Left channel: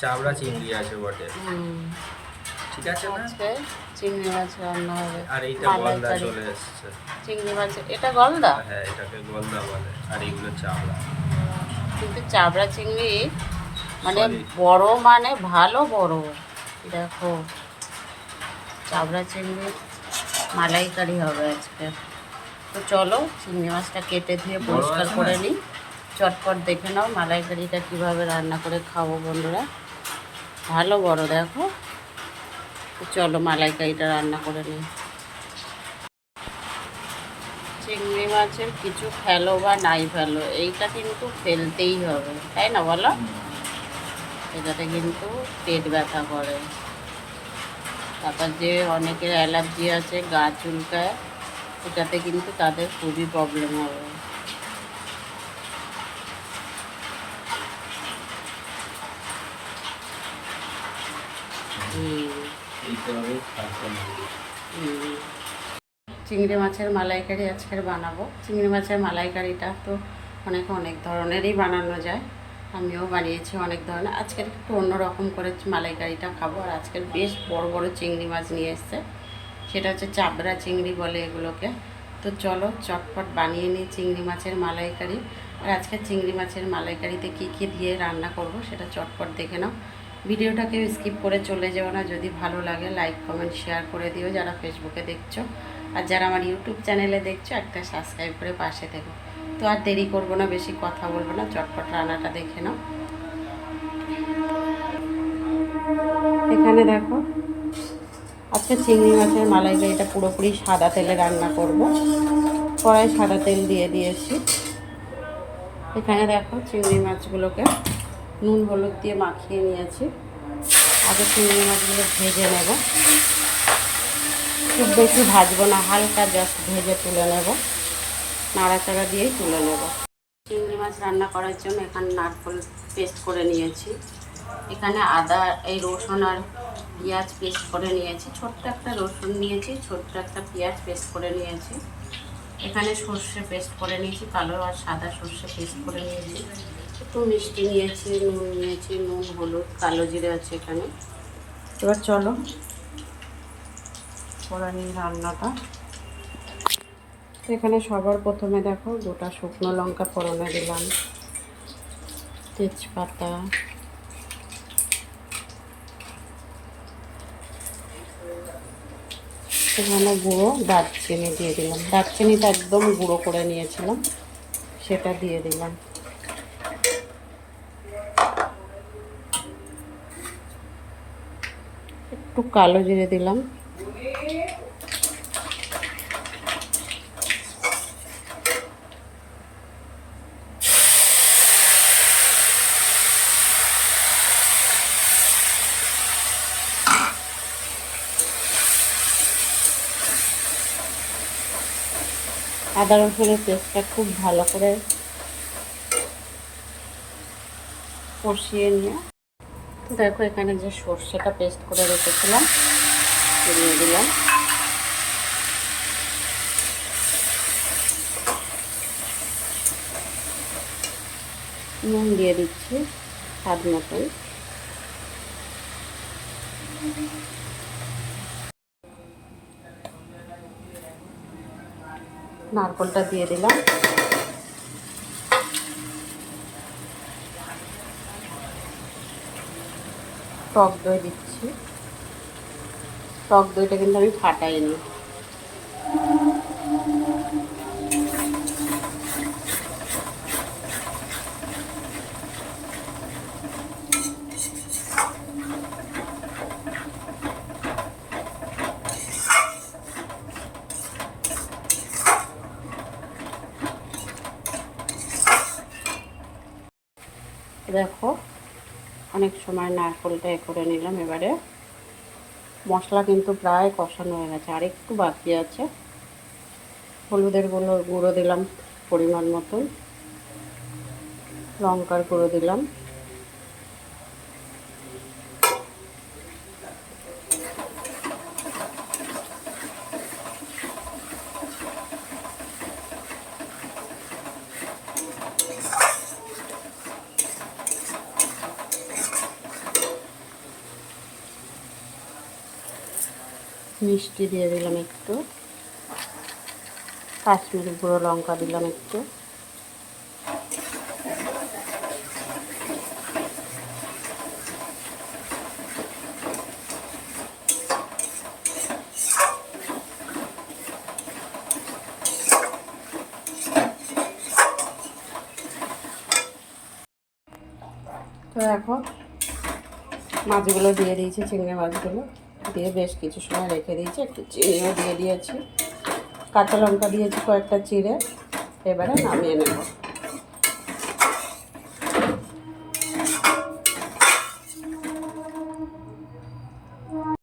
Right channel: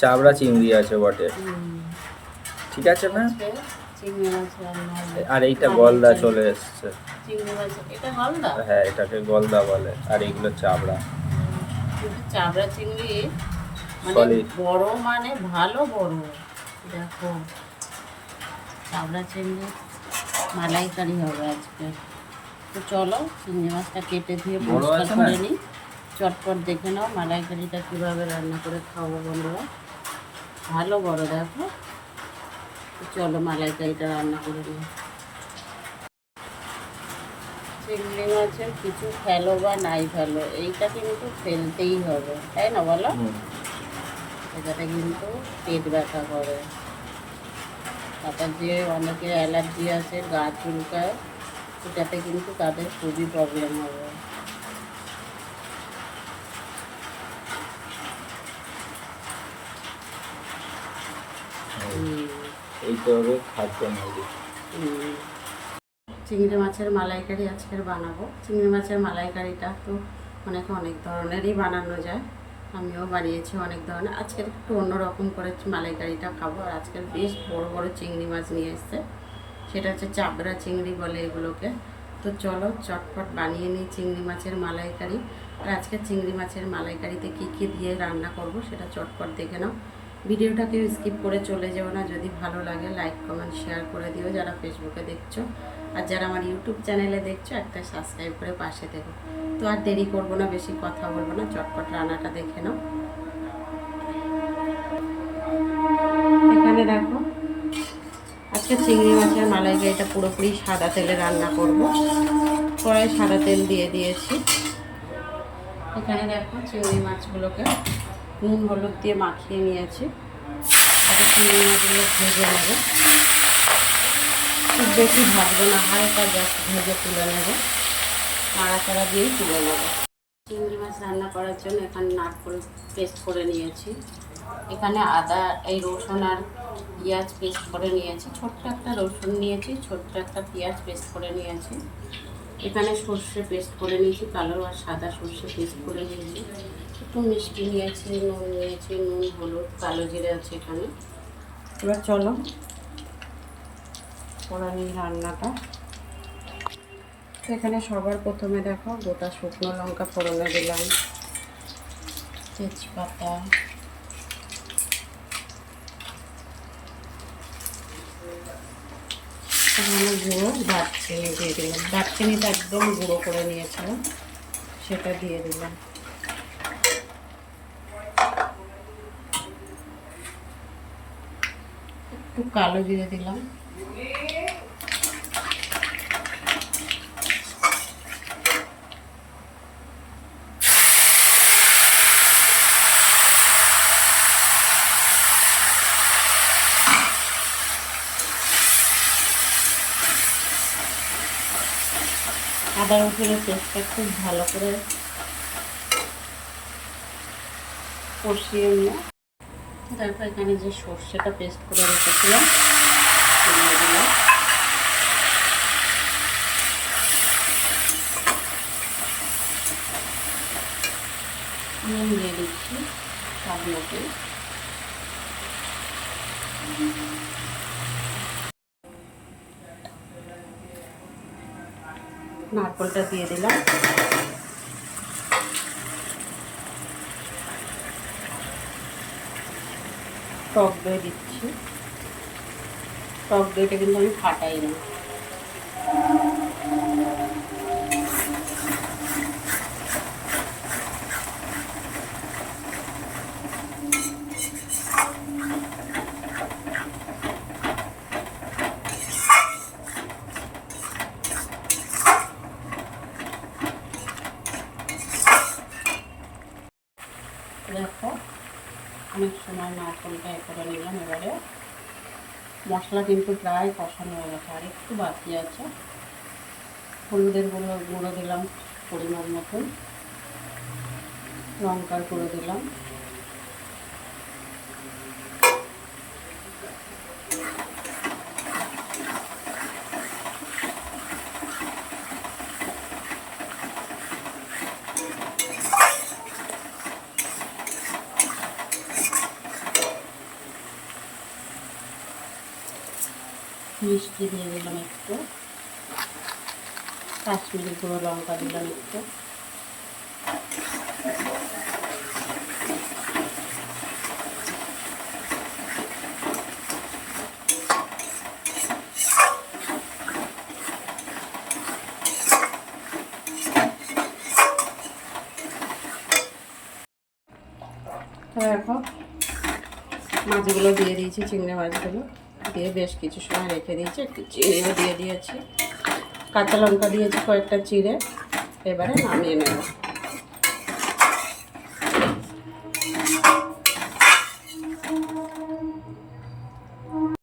চাবড়া চিংড়ি আছে বটে। ঠিক আছে না? চিংড়ি মাছ রান্না হবে। আর এইটা গলদা চলে এসছে। চিংড়ি মাছ এটা গলদা? হ্যাঁ, এটাকে গলদা বলে। আর এইগুলো চাবড়া। কিন্তু চাবড়া চিংড়ি মানে বড়, মানে ভালো বড়। দেখো চাবড়া চিংড়ি মালাইকারি হবে আজকে। তো চলো চিংড়ি মাছটা কেটে ধুয়ে পরিষ্কার করে নিই। চটপট দেখে নাও মালাইকারিটা কীভাবে রান্না করে খাবো বন্ধুরা। ভালো বড় দেখো। তো চলো মালাইকারিটা রান্না করে নিই। চিংড়ি মাছের কিছু ফেলো বা নাই ফেলো, এইটা কিন্তু ফেলতেই হবে, তাই না বলো? এটাতে কিন্তু পেট ব্যথা করে। তারপর যে অনেকের অ্যালার্জি আছে, গা চুলকায়, এটাতে কিন্তু তাদের খুবই প্রবলেম হবে। চিংড়ি মাছের মালাইকারি আজকের বানাবো। চিংড়ি মাছের মালাইকারিটা তো অনেক ধরনেরই বানানো যায়, আমিও বানিয়েছি অনেক ধরনের। আজকের একটু অন্যরকম করে মালাইকারিটা খাবো। আর আজকের বেশ বড় বড় চিংড়ি মাছ নিয়ে এসছে, সেটা হচ্ছে চাবড়া চিংড়ি বলে এগুলোকে। তো চলো চটপট বানিয়ে নিই চিংড়ি মাছের মালাইকারি। আর আজকে চিংড়ি মাছের মালাইকারিতে কী কী দিয়ে রান্না করব সেটা চটপট দেখে নাও। ভিডিওটাকে স্কিপ করে চলে যেও না। যদি ভালো লাগে লাইক কমেন্ট শেয়ার করে দিও যারা ফেসবুকে দেখছো। আর যারা আমার ইউটিউব চ্যানেলে দেখছো একটা সাবস্ক্রাইব করে পাশে থেকো। তো আর দেরি করব না, বেশি কথা বলবো না, চটপট রান্নাটা দেখে নাও। এখানে দেখো আজকে চিংড়ি মাছের মালাইকারিটা পুরোপুরি সাদা তেলে রান্না করব। কড়াই সাদা তেল দিয়ে দিয়েছি। এখানে দেখো চিংড়ি মাছগুলোকে নুন হলুদ দিয়ে মাখিয়ে নিয়েছি। আগে চিংড়ি মাছগুলো ভেজে নেব, খুব বেশি ভাজবো না, হালকা জাস্ট ভেজে তুলে নেব, নাড়াচাড়া দিয়েই তুলে নেব। চিংড়ি মাছ রান্না করার জন্য এখানে নারকেল পেস্ট করে নিয়েছি। এখানে আদা, এই রসুন আর পেঁয়াজ পেস্ট করে নিয়েছি। ছোট্ট একটা রসুন নিয়েছি, ছোট্ট একটা পেঁয়াজ পেস্ট করে নিয়েছি। এখানে সর্ষে পেস্ট করে নিয়েছি, কালো আর সাদা সর্ষে পেস্ট করে নিয়েছি। একটু মিষ্টি নিয়েছি, নুন নিয়েছি, নুন হলুদ, কালো জিরে আছে এখানে। এবার চলো করে নিই রান্নাটা। এখানে সবার প্রথমে দেখো গোটা শুকনো লঙ্কা ফোড়নে দিলাম, তেজপাতা, এখানে গুঁড়ো দারচিনি দিয়ে দিলাম। দারচিনিটা একদম গুঁড়ো করে নিয়েছিলাম, সেটা দিয়ে দিলাম। একটু কালো জিরে দিলাম। আদা রসুনের পেস্টটা খুব ভালো করে কষিয়ে নিয়ে দেখো এখানে যে সর্ষেটা পেস্ট করে রেখেছিলাম দিয়ে দিলাম। নুন দিয়ে দিচ্ছি স্বাদ মতোই। নারকেলটা দিয়ে দিলাম। টক দই দিচ্ছি। টক দইটা কিন্তু আমি ফাটাইনি। দেখো অনেক সময় নারকেলটা করে নিলাম। এবারে মশলা কিন্তু প্রায় কষানো হয়ে গেছে, আর একটু বাকি আছে। হলুদের গুঁড়ো দিলাম পরিমাণ মতন, লঙ্কার গুঁড়ো দিলাম, মিষ্টি দিয়ে দিলাম একটু, কাশ্মীরি গুঁড়ো লঙ্কা দিলাম একটু, তো এখন মাছগুলো দিয়ে দিয়েছি, চিংড়ি মাছগুলো দিয়ে বেশ কিছু সময় রেখে দিয়েছি, একটু চিনিও দিয়ে দিয়েছি, কাঁচা লঙ্কা দিয়েছি কয়েকটা চিড়ে, এবারে নামিয়ে নেব।